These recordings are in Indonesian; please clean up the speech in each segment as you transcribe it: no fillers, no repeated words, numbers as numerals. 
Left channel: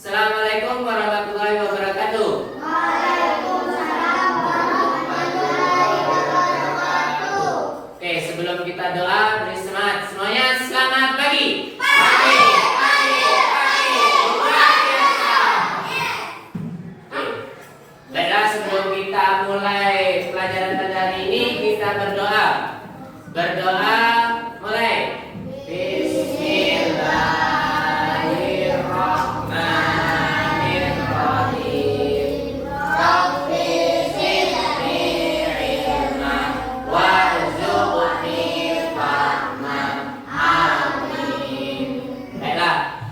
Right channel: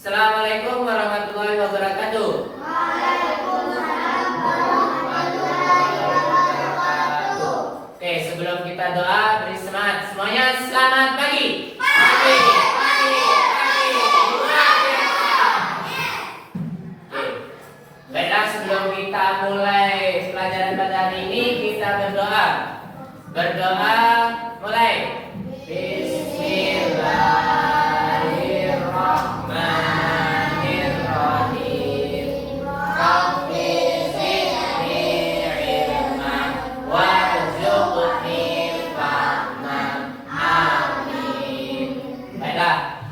Assalamualaikum warahmatullahi wabarakatuh. Waalaikumsalam warahmatullahi wabarakatuh. Oke, sebelum kita doa, beri semangat semuanya. Selamat pagi. Pagi. Luar biasa. Oke. Baiklah, sebelum kita mulai pelajaran pada hari ini, kita berdoa. Berdoa mulai. Bismillahirrahmanirrahim. Rabbi zidni ilma warzuqni fahman. Amin. Baiklah.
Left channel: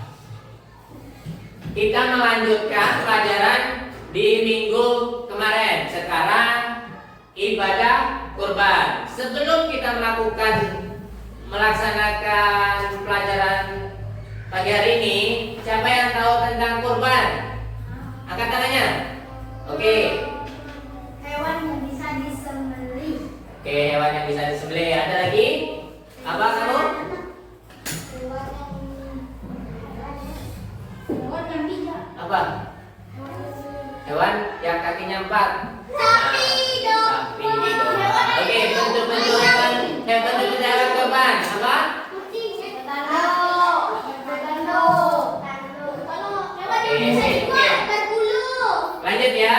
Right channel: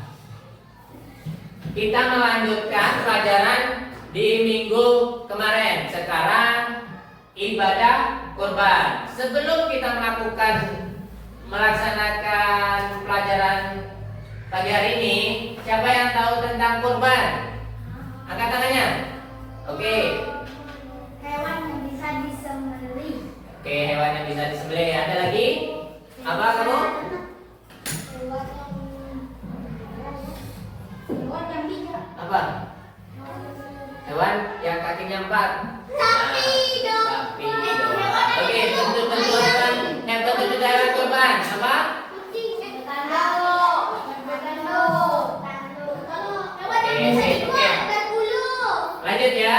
Kita melanjutkan pelajaran di minggu kemarin. Sekarang ibadah kurban. Sebelum kita melaksanakan pelajaran pagi hari ini, siapa yang tahu tentang kurban? Angkat tangannya. Oke. Hewan yang bisa disembelih. Oke, hewan yang bisa disembelih. Ada lagi? Apa kamu? Hewan yang bisa. Apa? Hewan yang kakinya 4. Sapi dong. Sapi dong. Oke, bentuk-bentuk hewan hewan kurban. Apa? Kucing. Betando. Oke, sip, oke. Berbulu. Lanjut ya.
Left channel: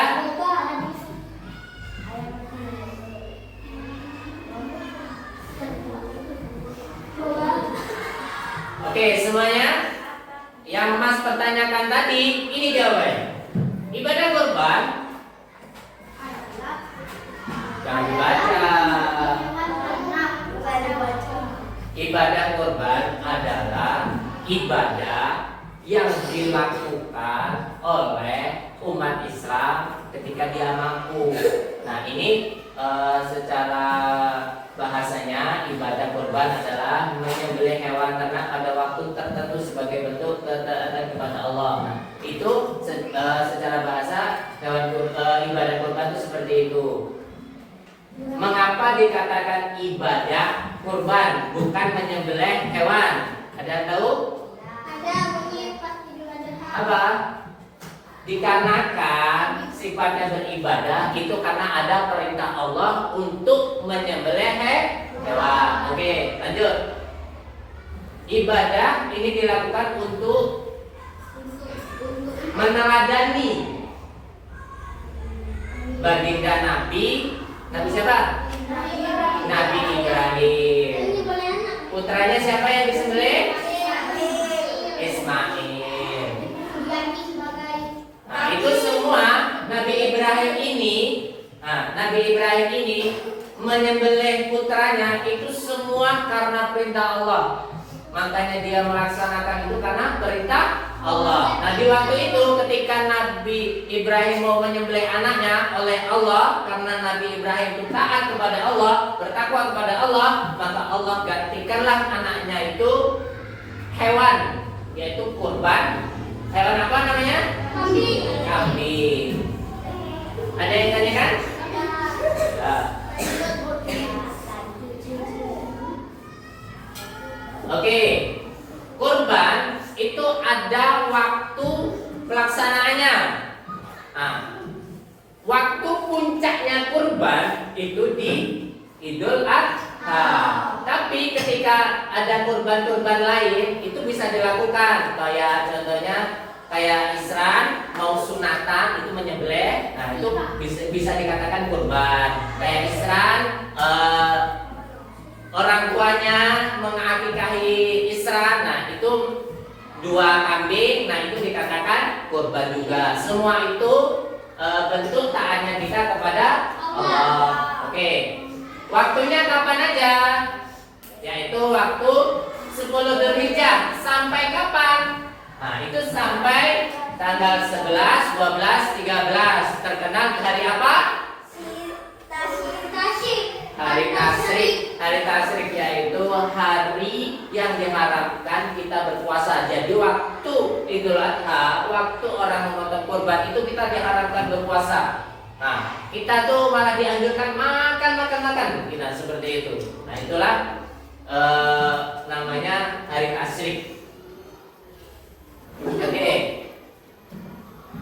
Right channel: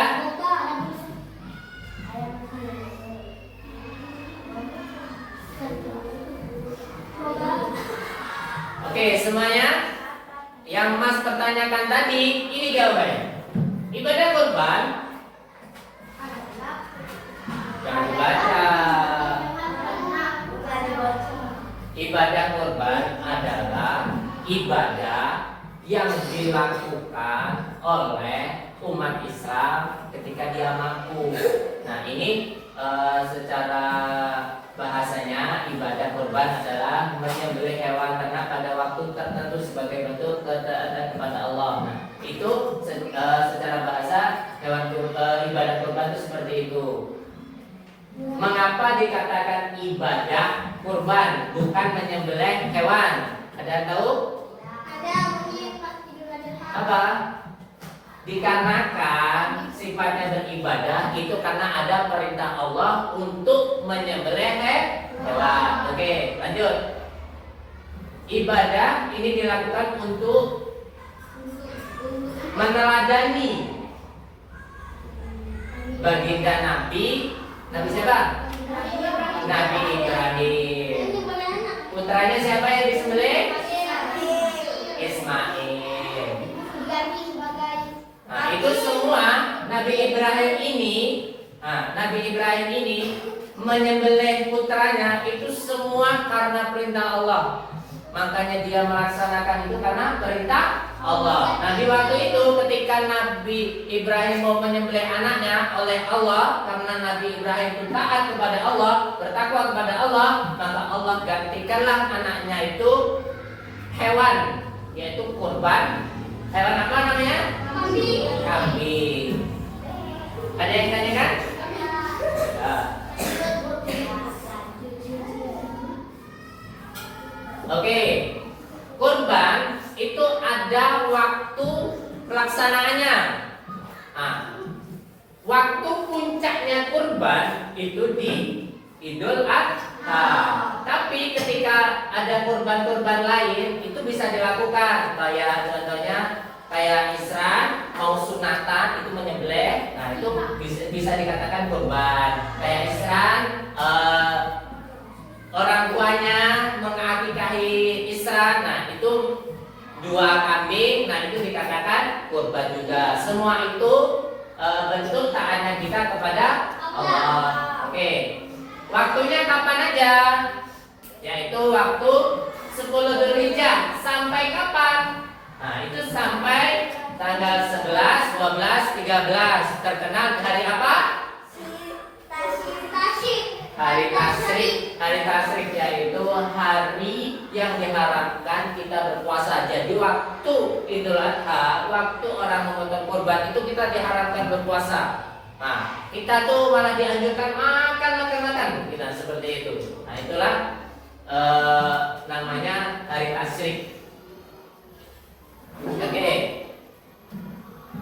Oke, semuanya yang Mas pertanyakan tadi, ini jawabannya. Ibadah kurban jangan dibaca. Ibadah kurban adalah ibadah yang dilakukan oleh umat Islam ketika dia mampu. Nah, ini secara bahasanya ibadah kurban adalah menyembelih hewan ternak pada waktu tertentu sebagai bentuk ketaatan kepada Allah. Nah, itu secara bahasa ibadah kurban itu seperti itu. Mengapa dikatakan ibadah kurban bukan menyembelih hewan? Ada yang tahu? Ada bunyi pas Idul Adha. Apa? Dikarenakan sifatnya beribadah itu karena ada perintah Allah untuk menyembelih hewan. Oke, lanjut. Ibadah ini dilakukan untuk meneladani baginda Nabi siapa? Nabi Ibrahim. Putranya siapa yang disembelih? Ismail. Nah, itu semua Nabi Ibrahim ini menyembelih putranya itu semua karena perintah Allah. Makanya dia melaksanakan itu karena perintah Allah. Nah, di waktu itu ketika Nabi Ibrahim mau menyembelih anaknya oleh Allah, karena Nabi Ibrahim itu taat kepada Allah, bertakwa kepada Allah, maka Allah gantikanlah anaknya itu hewan, yaitu kurban. Hewan apa namanya? Kambing. Ada yang tanyakan? Nah. Oke, kurban itu ada waktu pelaksanaannya. Nah, waktu puncaknya kurban itu di Idul Adha. Tapi ketika ada kurban-kurban lain itu bisa dilakukan. Kayak contohnya kayak Isran mau sunatan itu menyembelih. Nah, itu bisa dikatakan kurban. Kayak Isran orang tuanya mengakikahi Isra, nah itu 2 kambing, nah itu dikatakan kurban juga. Semua itu bentuk taatnya kita kepada Allah. Oke, waktunya kapan aja? Yaitu waktu 10 Dzulhijjah. Sampai kapan? Nah, itu sampai tanggal 11, 12, 13. Terkenal hari apa? Hari Tasyrik. Hari Tasyrik yaitu hari yang diharapkan kita berpuasa. Jadi waktu Idul Adha, waktu orang memotong kurban itu kita diharapkan berpuasa. Nah, kita tuh malah dianjurkan makan. Kita seperti itu. Nah, itulah namanya hari Tasyrik. Oke.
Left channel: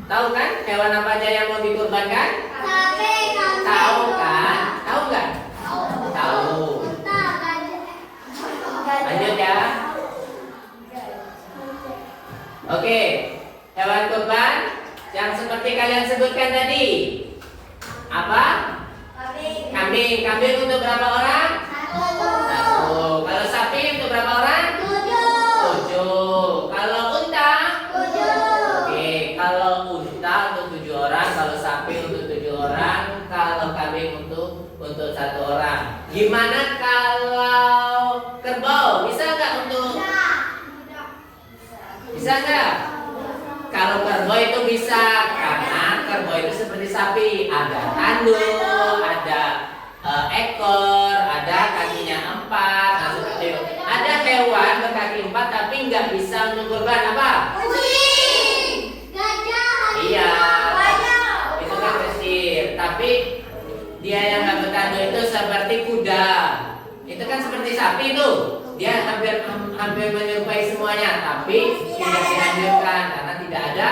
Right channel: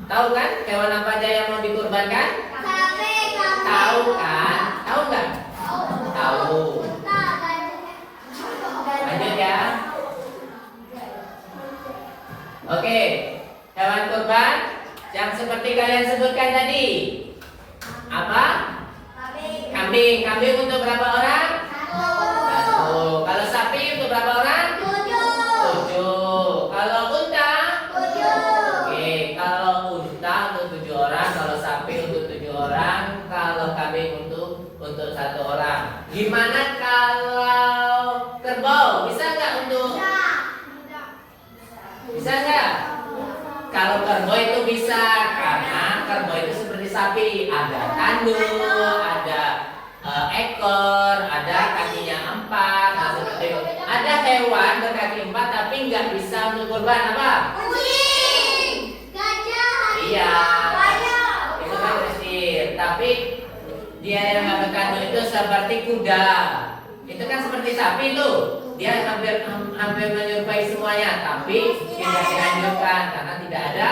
Tahu kan hewan apa aja yang mau dikurbankan? Sapi, kambing. Tahu kan? Tahu nggak? Tahu. Unta, gajah. Lanjut ya. Oke, hewan kurban yang seperti kalian sebutkan tadi. Apa? Kambing. Kambing. Kambing untuk berapa orang? Satu. 1. Kalau sapi untuk berapa orang? 7. 7. Kalau unta? 7. Oke, kalau unta untuk 7 orang, kalau sapi untuk 7 orang, kalau kambing untuk 1 orang. Gimana kalau kerbau? Bisa nggak untuk? Bisa nggak? Kalau kerbau itu bisa, karena kerbau itu seperti sapi, ada tanduk, ada ekor, ada kakinya 4, nah seperti itu. Ada hewan berkaki 4 tapi nggak bisa untuk kurban apa? Kucing. Gajah. Iya. Gajah. Itu kan kecil, tapi dia yang nggak bertanduk itu seperti kuda. Itu kan seperti sapi itu. Dia hampir menyerupai semuanya, tapi tidak dianjurkan karena tidak ada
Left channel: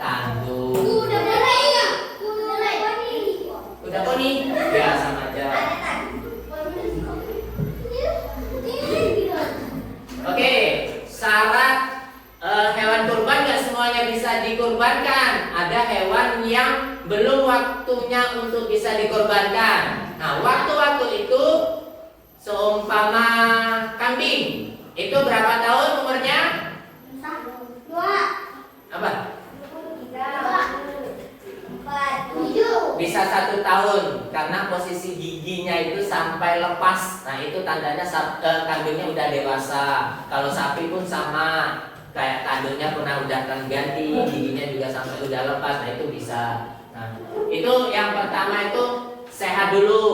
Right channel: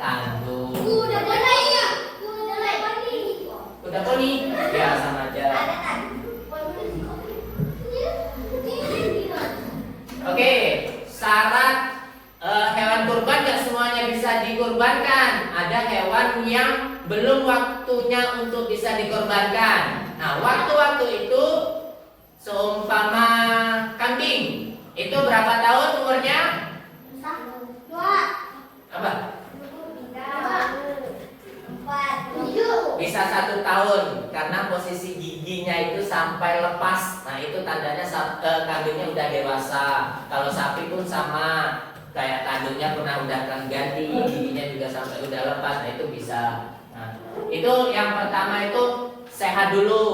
tanduk. Kuda ya. Kuda poni? Ya sama aja. Oke, syarat hewan kurban nggak semuanya bisa dikurbankan. Ada hewan yang belum waktunya untuk bisa dikurbankan. Nah, waktu-waktu itu seumpama kambing, itu berapa tahun umurnya? Apa? Bisa 1 tahun karena posisi giginya itu sampai lepas. Nah, itu tandanya kambingnya udah dewasa. Kalau sapi pun sama, kayak tanduknya pernah udah ganti, giginya juga sampai udah lepas. Nah, itu bisa. Nah, itu yang pertama itu sehat dulu.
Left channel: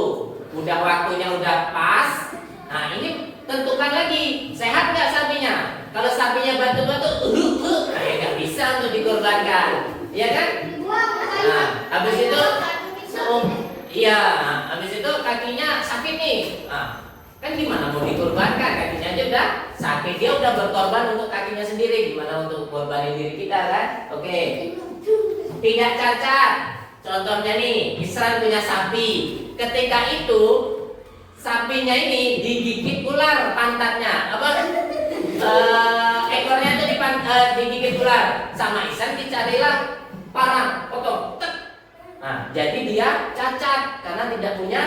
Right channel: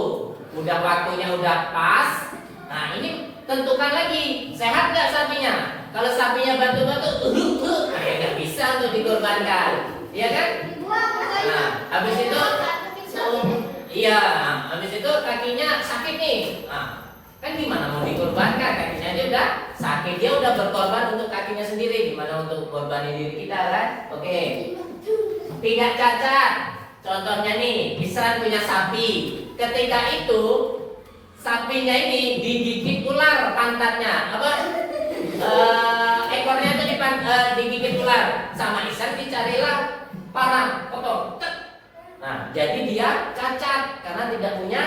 Udah waktunya udah pas. Nah, ini tentukan lagi sehat nggak sapinya. Kalau sapinya batu-batu, nah ya nggak bisa untuk dikorbankan, iya kan? Nah, habis itu, iya, habis itu kakinya sakit nih. Nah, kan gimana mau dikorbankan? Kakinya aja udah sakit, dia udah berkorban untuk kakinya sendiri. Gimana untuk korbanin diri kita kan? Oke, tidak cacat. Contohnya nih, Isran punya sapi. Ketika itu sapinya ini digigit ular pantatnya, apa? Ekornya itu digigit ular. Sama Isran dicarilah parang, potong. Nah, jadi dia cacat karena tidak punya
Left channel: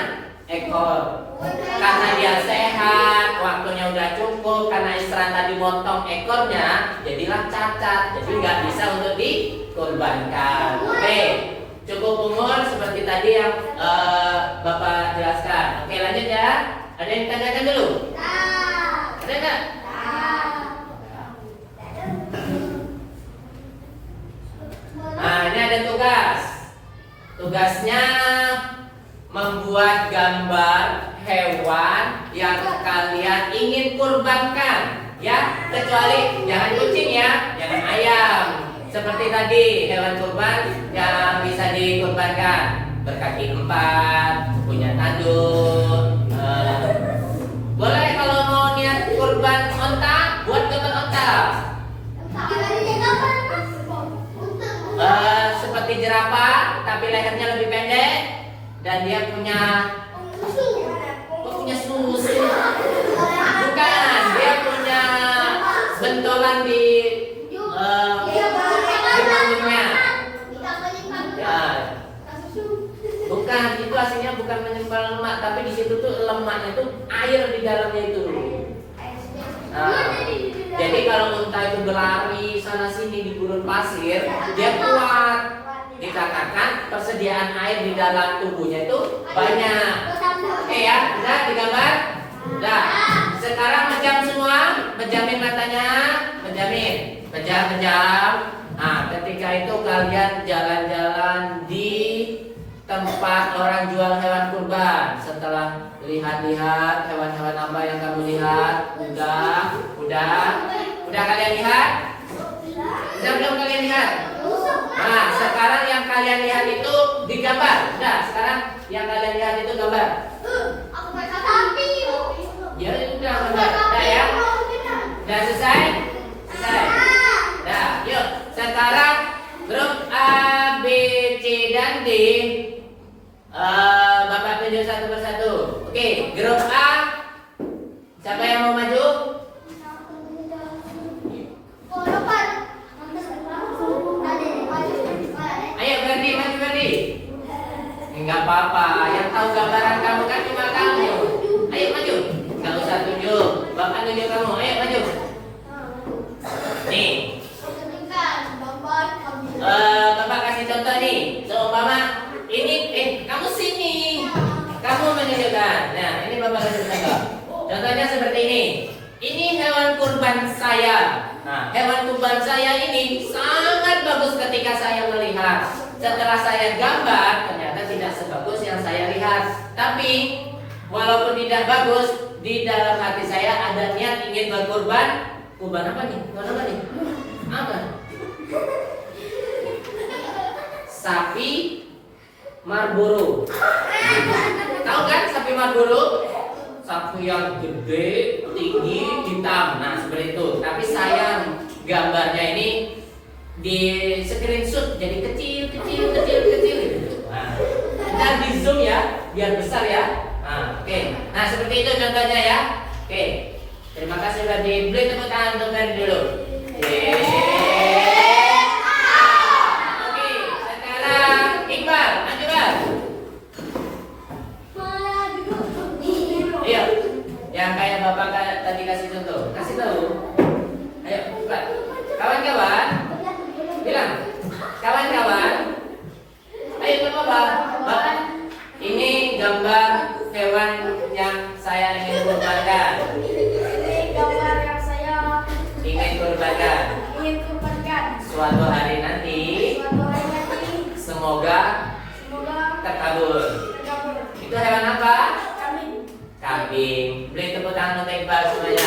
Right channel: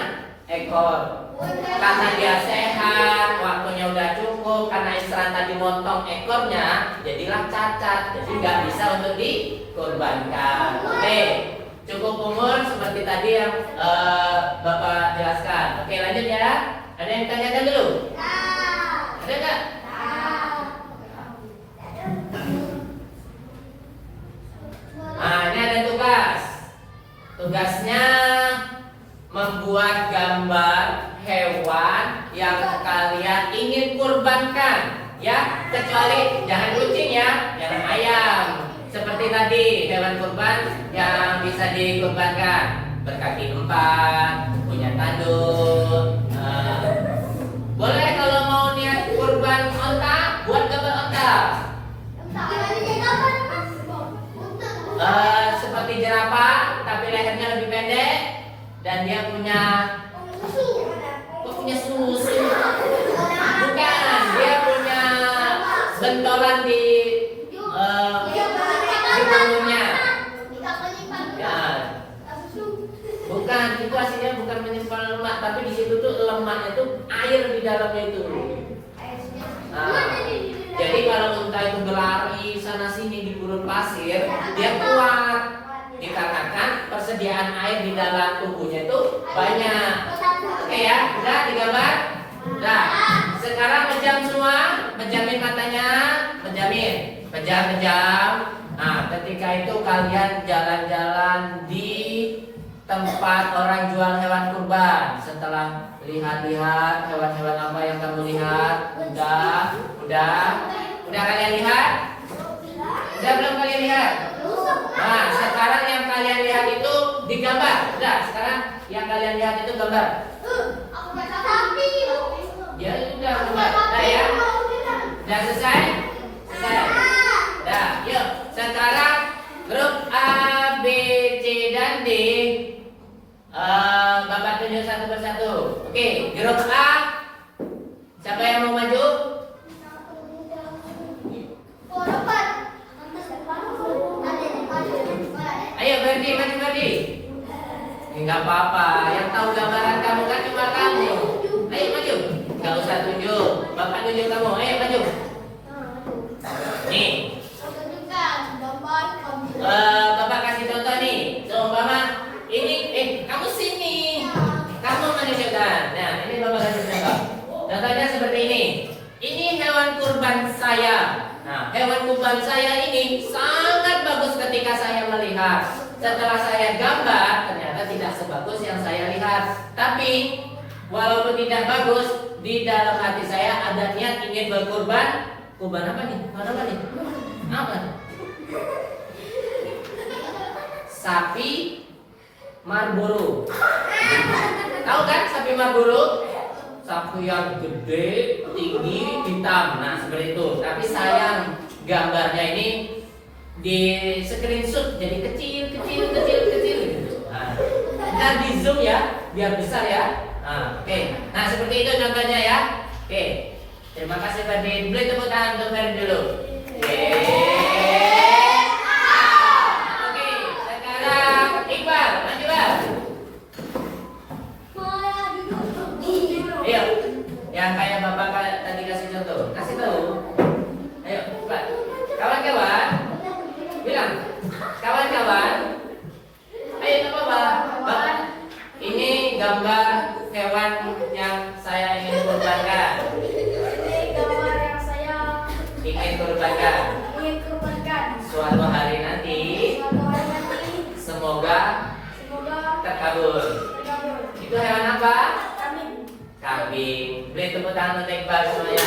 ekor. Karena dia sehat, waktunya udah cukup. Karena Isran tadi motong ekornya, jadilah cacat. Jadi nggak bisa untuk dikorbankan. Oke. Cukup umur seperti tadi yang Bapak jelaskan. Oke, lanjut ya. Ada yang tanyakan dulu? Ada nggak? Nah, ini ada tugas. Tugasnya membuat gambar hewan yang kalian ingin kurbankan. Ya, kecuali jangan kucing ya, jangan ayam. Seperti tadi hewan kurban yang bisa dikurbankan berkaki 4, punya tanduk. Boleh kalau mau niat kurban onta, buat gambar onta. Seperti jerapah, tapi lehernya lebih pendek dan dia punya susu. Bukan, dia punya bentolan di punggungnya. Ya. Bukan, itu aslinya bukan menyimpan lemak, tapi di situ tuh lemaknya tuh air di dalamnya itu. Nah, jadi kalau unta itu berlari sana sini di gurun pasir, dia kuat. Dikarenakan persediaan air di dalam tubuhnya itu banyak. Oke ya, udah digambar. Nah, sekarang pejam semua, pejamin matanya, pejam. Nah, ketika itu kalian jalan-jalan di tempat orang jual hewan kurban. Setelah lihat-lihat hewan-hewan apa yang kamu lihat, udah kalian lihat? Udah belum kalian lihat? Nah, sekarang yang kalian lihat itu digambar. Udah, sekarang yang kalian lihat itu gambar. Ya udah, gambar. Udah ya? Udah selesai? Selesai. Udah, yuk. Sekarang grup A Bapak tunjuk satu persatu. Oke, grup A. Siapa yang mau maju? Ayo Ferdi, maju Ferdi. Enggak apa-apa, yang tahu gambaran kamu kan cuma kamu. Ayo maju. Enggak usah tunjuk. Bapak tunjuk kamu. Ayo maju. Nih. Bapak kasih contoh nih. Seumpama ini kamu sini. Kamu menunjukkan. Nah, ini Bapak kasih contoh. Contohnya seperti ini. Ini hewan kurban saya. Nah, hewan kurban saya ini sangat bagus ketika saya melihat. Setelah saya gambar, ternyata tidak sebagus yang saya lihat. Tapi walaupun tidak bagus, di dalam hati saya ada niat ingin berkurban. Kurban apa nih? Kurban apa nih? Apa? Sapi Marlboro. Tahu kan sapi Marlboro? Sapi yang gede, tinggi, hitam. Nah, seperti itu. Tapi sayang gambarnya ini di screenshot jadi kecil gitu. Nah, kita di zoom ya, biar besar ya. Nah, oke. Nah, seperti itu contohnya ya. Oke. Terima kasih Ferdi. Beri tepuk tangan untuk Ferdi dulu. Oke, sekarang Iqbal, maju Bal. Ayo, yang kayak Bapak tadi kasih contoh, kasih tahu. Ayo, Iqbal. Kawan-kawan, bilang, kawan-kawan. Ayo coba Bapak. Ini gambar hewan yang saya ingin kurbankan. Ingin kurbankan suatu hari nanti. Semoga terkabul. Itu hewan apa? Kambing. Beri tepuk tangan untuk Iqbal semuanya.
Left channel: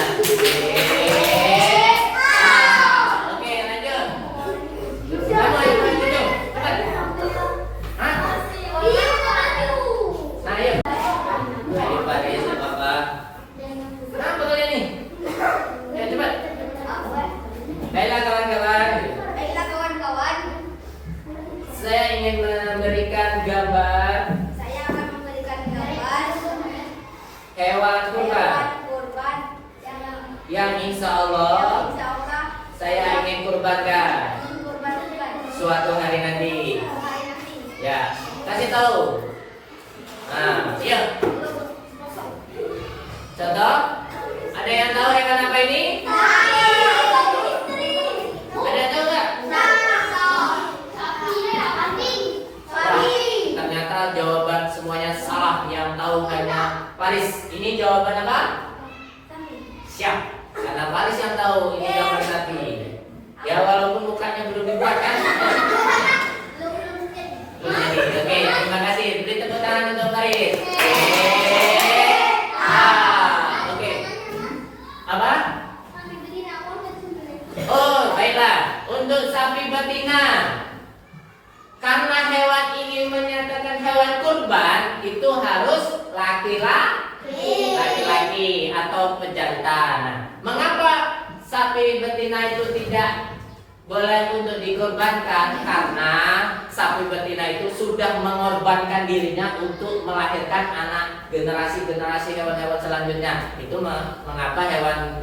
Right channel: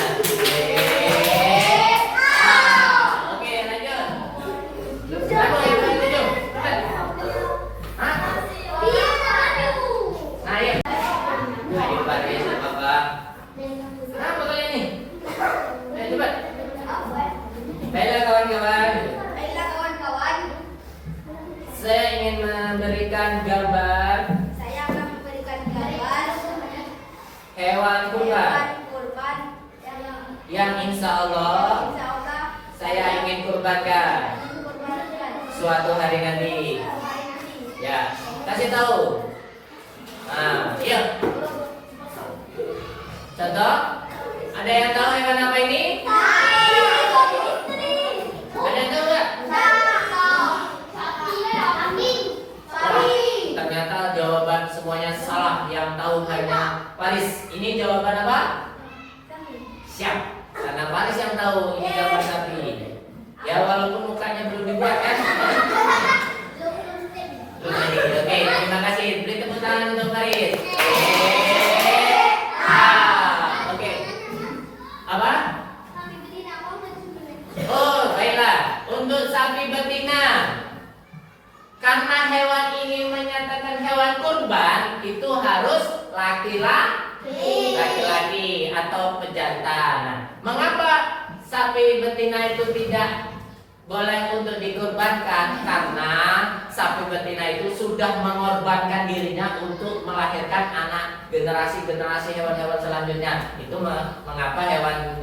Oke, lanjut. Kamu ayo maju. Cepat. Hah? Nah, ayo. Iqbal ya, Bapak. Nah, fotonya nih. Ayo cepat. Baiklah kawan-kawan. Saya ingin memberikan gambar hewan kurban yang insya Allah saya ingin kurbankan suatu hari nanti. Ya, kasih tahu. Nah, yuk. Contoh, ada yang tahu hewan apa ini? Ada yang tahu nggak? Ternyata jawaban semuanya salah. Yang tahu hanya Paris. Ini jawaban apa? Siap. Karena Paris yang tahu ini jawaban sapi. Ya walaupun mukanya belum dibuat kan. Oke, terima kasih. Beri tepuk tangan untuk Paris. Oke. Apa? Oh, baiklah. Untuk sapi betina. Karena hewan ini menyatakan hewan kurban, itu harus laki-laki atau pejantan. Nah, mengapa sapi betina itu tidak boleh untuk dikurbankan? Karena sapi betina itu sudah mengorbankan dirinya untuk melahirkan anak generasi hewan-hewan selanjutnya. Itu mengapa hewan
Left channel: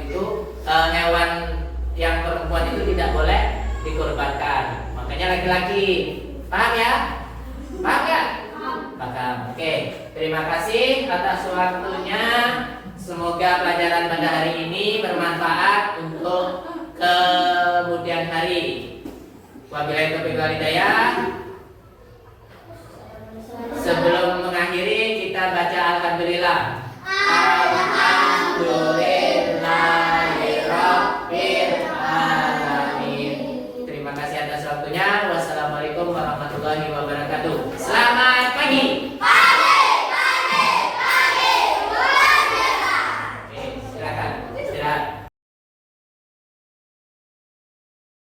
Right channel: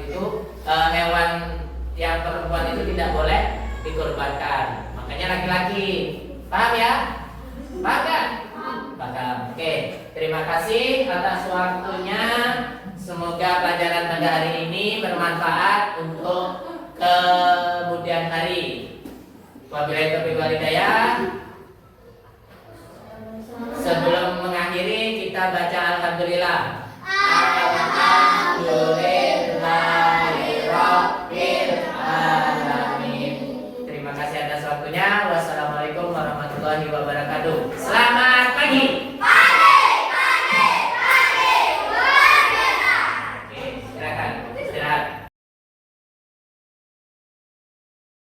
yang perempuan itu tidak boleh dikurbankan. Makanya laki-laki. Paham ya? Paham nggak? Paham. Oke, terima kasih atas waktunya. Semoga pelajaran pada hari ini bermanfaat untuk kemudian hari. Wabillahi taufiq wal hidayah. Sebelum mengakhiri kita baca alhamdulillah. Alhamdulillahirabbil alamin. Terima kasih atas waktunya. Wassalamualaikum warahmatullahi wabarakatuh.